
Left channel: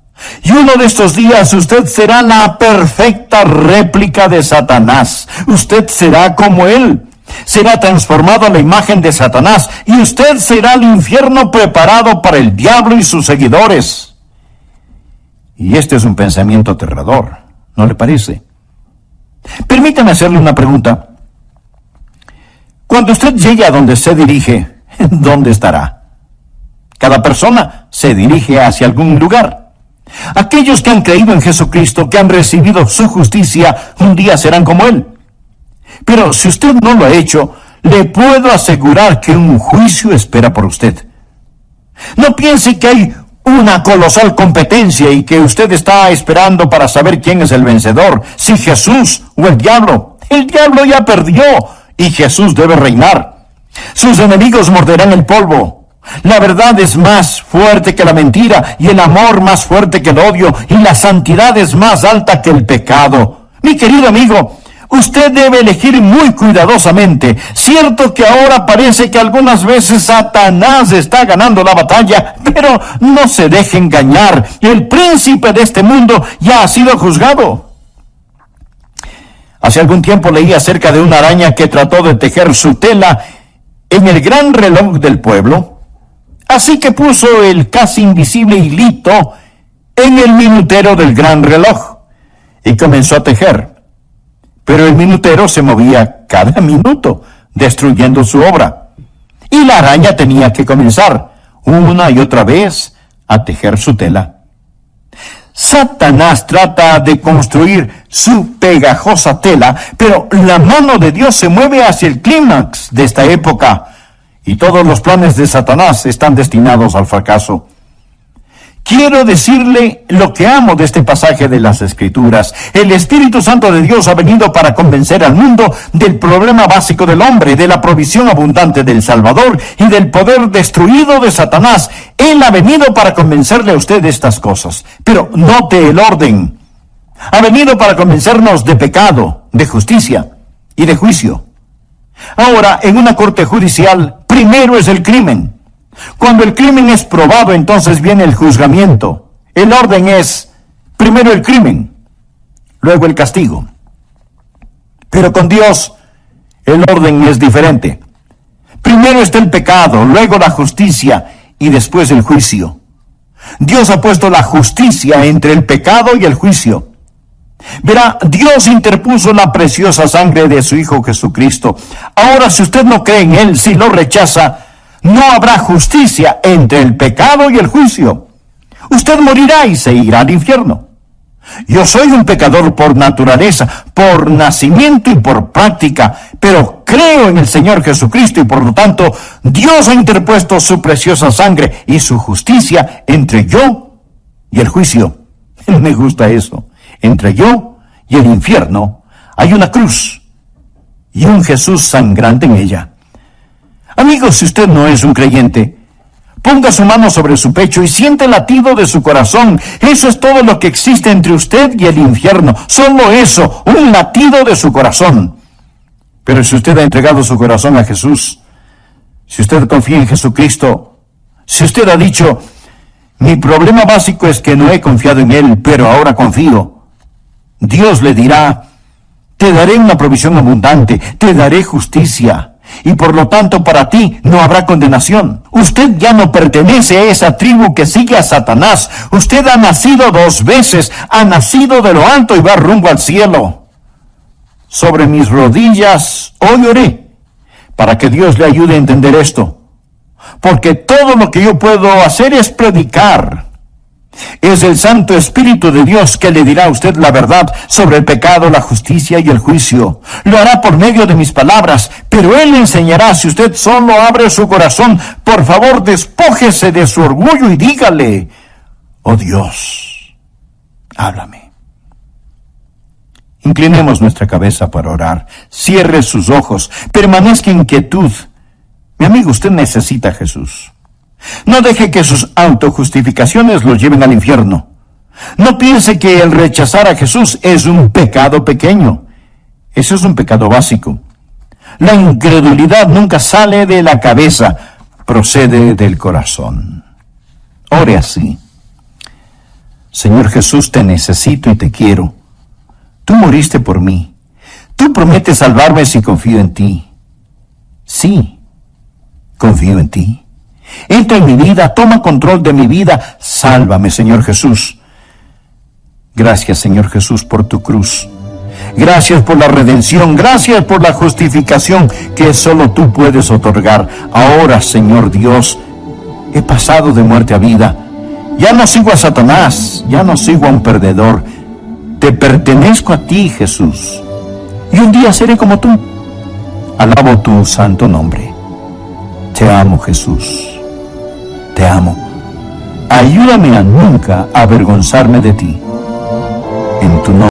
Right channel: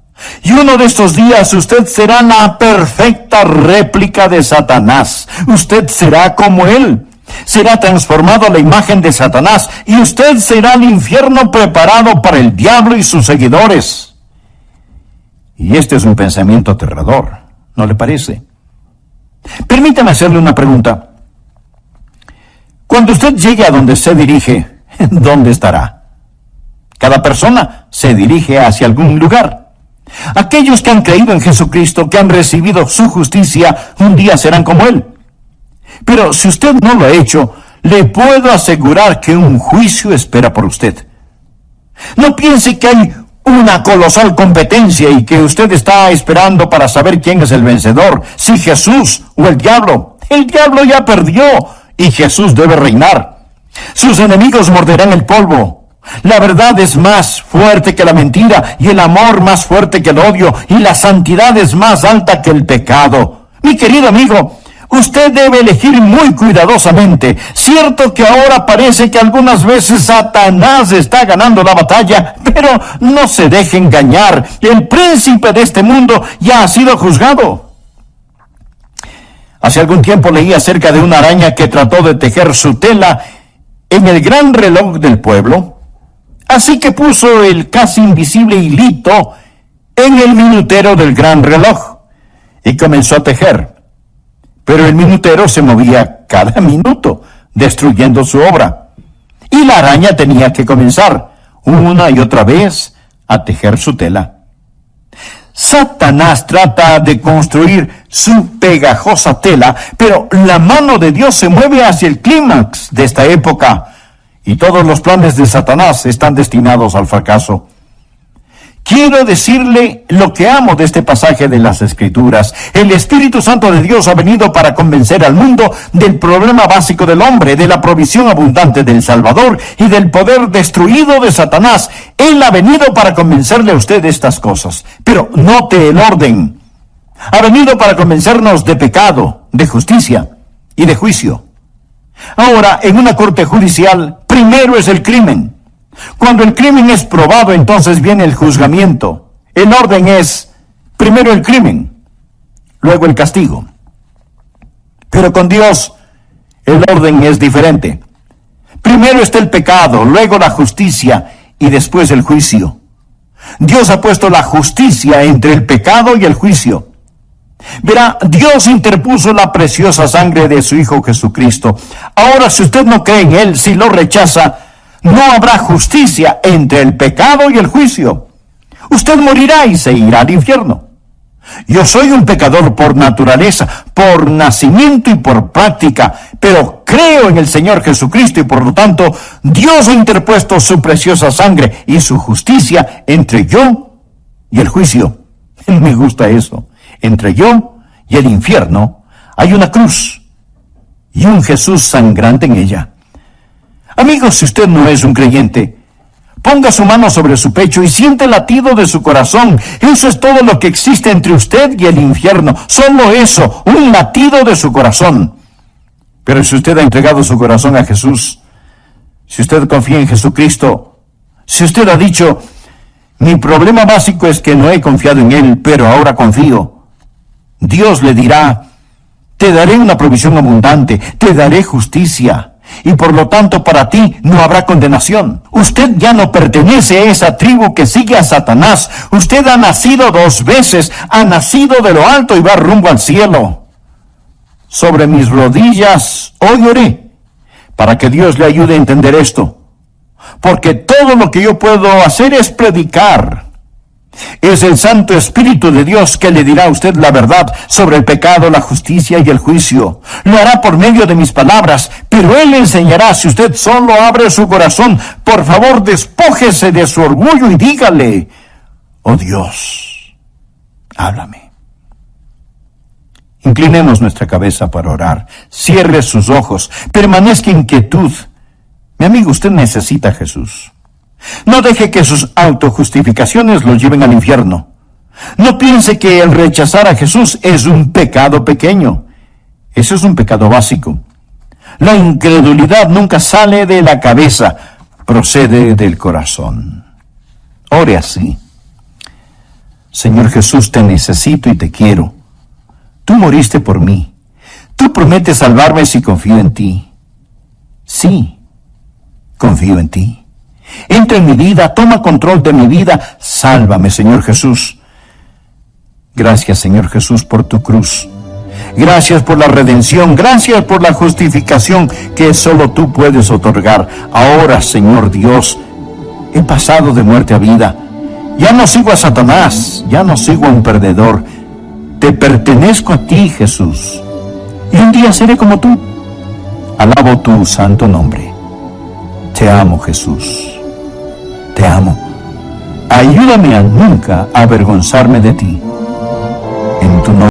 Y uno de estos días usted será la perfecta réplica de Satanás. Usted será como él. Será transformado a la imagen de Satanás. Y usted será el infierno preparado para el diablo y sus seguidores. Y este es un pensamiento aterrador, ¿no le parece? Permítame hacerle una pregunta. Cuando usted llegue a donde se dirige, ¿dónde estará? Cada persona se dirige hacia algún lugar. Aquellos que han creído en Jesucristo, que han recibido su justicia, un día serán como Él. Pero si usted no lo ha hecho, le puedo asegurar que un juicio espera por usted. No piense que hay una colosal competencia y que usted está esperando para saber quién es el vencedor, si Jesús o el diablo. El diablo ya perdió y Jesús debe reinar. Sus enemigos morderán el polvo. La verdad es más fuerte que la mentira, y el amor más fuerte que el odio, y la santidad es más alta que el pecado. Mi querido amigo, usted debe elegir muy cuidadosamente. Cierto que ahora parece que algunas veces Satanás está ganando la batalla, pero no se deje engañar. El príncipe de este mundo ya ha sido juzgado. Hace algún tiempo leí acerca de una araña que trató de tejer su tela en el gran reloj del pueblo. Así que puso el casi invisible hilito en el minutero del gran reloj y comenzó a tejer. Pero el minutero se movía cada minuto, destruyendo su obra. Y la araña tenía que comenzar una y otra vez a tejer su tela. Satanás trata de construir su pegajosa tela, pero la mano de Dios se mueve hacia el clímax de esta época. Y todos los planes de Satanás están destinados al fracaso. Quiero decirle lo que amo de este pasaje de las Escrituras. El Espíritu Santo de Dios ha venido para convencer al mundo del problema básico del hombre, de la provisión abundante del Salvador y del poder destruido de Satanás. Él ha venido para convencerle a usted de estas cosas. Pero note el orden. Ha venido para convencernos de pecado, de justicia y de juicio. Ahora, en una corte judicial, primero es el crimen. Cuando el crimen es probado, entonces viene el juzgamiento. El orden es, primero el crimen, luego el castigo. Pero con Dios, el orden es diferente. Primero está el pecado, luego la justicia y después el juicio. Dios ha puesto la justicia entre el pecado y el juicio. Verá, Dios interpuso la preciosa sangre de su Hijo Jesucristo. Ahora, si usted no cree en Él, si lo rechaza, no habrá justicia entre el pecado y el juicio. Usted morirá y se irá al infierno. Yo soy un pecador por naturaleza, por nacimiento y por práctica, pero creo en el Señor Jesucristo y por lo tanto Dios ha interpuesto su preciosa sangre y su justicia entre yo y el juicio. Me gusta eso. Entre yo y el infierno hay una cruz y un Jesús sangrante en ella. Amigos, si usted no es un creyente, ponga su mano sobre su pecho y siente el latido de su corazón. Eso es todo lo que existe entre usted y el infierno. Solo eso, un latido de su corazón. Pero si usted ha entregado su corazón a Jesús, si usted confía en Jesucristo, si usted ha dicho, mi problema básico es que no he confiado en Él, pero ahora confío, Dios le dirá, te daré una provisión abundante, te daré justicia, y por lo tanto para ti no habrá condenación. Usted ya no pertenece a esa tribu que sigue a Satanás. Usted ha nacido 2 veces, ha nacido de lo alto y va rumbo al cielo. Sobre mis rodillas hoy oré, para que Dios le ayude a entender esto. Porque todo lo que yo puedo hacer es predicar. Es el Santo Espíritu de Dios que le dirá a usted la verdad sobre el pecado, la justicia y el juicio. Lo hará por medio de mis palabras, pero Él le enseñará si usted solo abre su corazón. Por favor, despójese de su orgullo y dígale: oh Dios, háblame. Inclinemos nuestra cabeza para orar. Cierre sus ojos. Permanezca en quietud. Mi amigo, usted necesita a Jesús. No deje que sus autojustificaciones lo lleven al infierno. No piense que el rechazar a Jesús es un pecado pequeño. Eso es un pecado básico. La incredulidad nunca sale de la cabeza, procede del corazón. Ore así: Señor Jesús, te necesito y te quiero. Tú moriste por mí. Tú prometes salvarme si confío en ti. Sí, confío en ti. Entra en mi vida, toma control de mi vida. Sálvame, Señor Jesús. Gracias, Señor Jesús, por tu cruz. Gracias por la redención. Gracias por la justificación que solo tú puedes otorgar. Ahora, Señor Dios, he pasado de muerte a vida. Ya no sigo a Satanás, ya no sigo a un perdedor. Te pertenezco a ti, Jesús. Y un día seré como tú. Alabo tu santo nombre. Te amo, Jesús. Te amo. Ayúdame a nunca avergonzarme de ti. En tu nombre.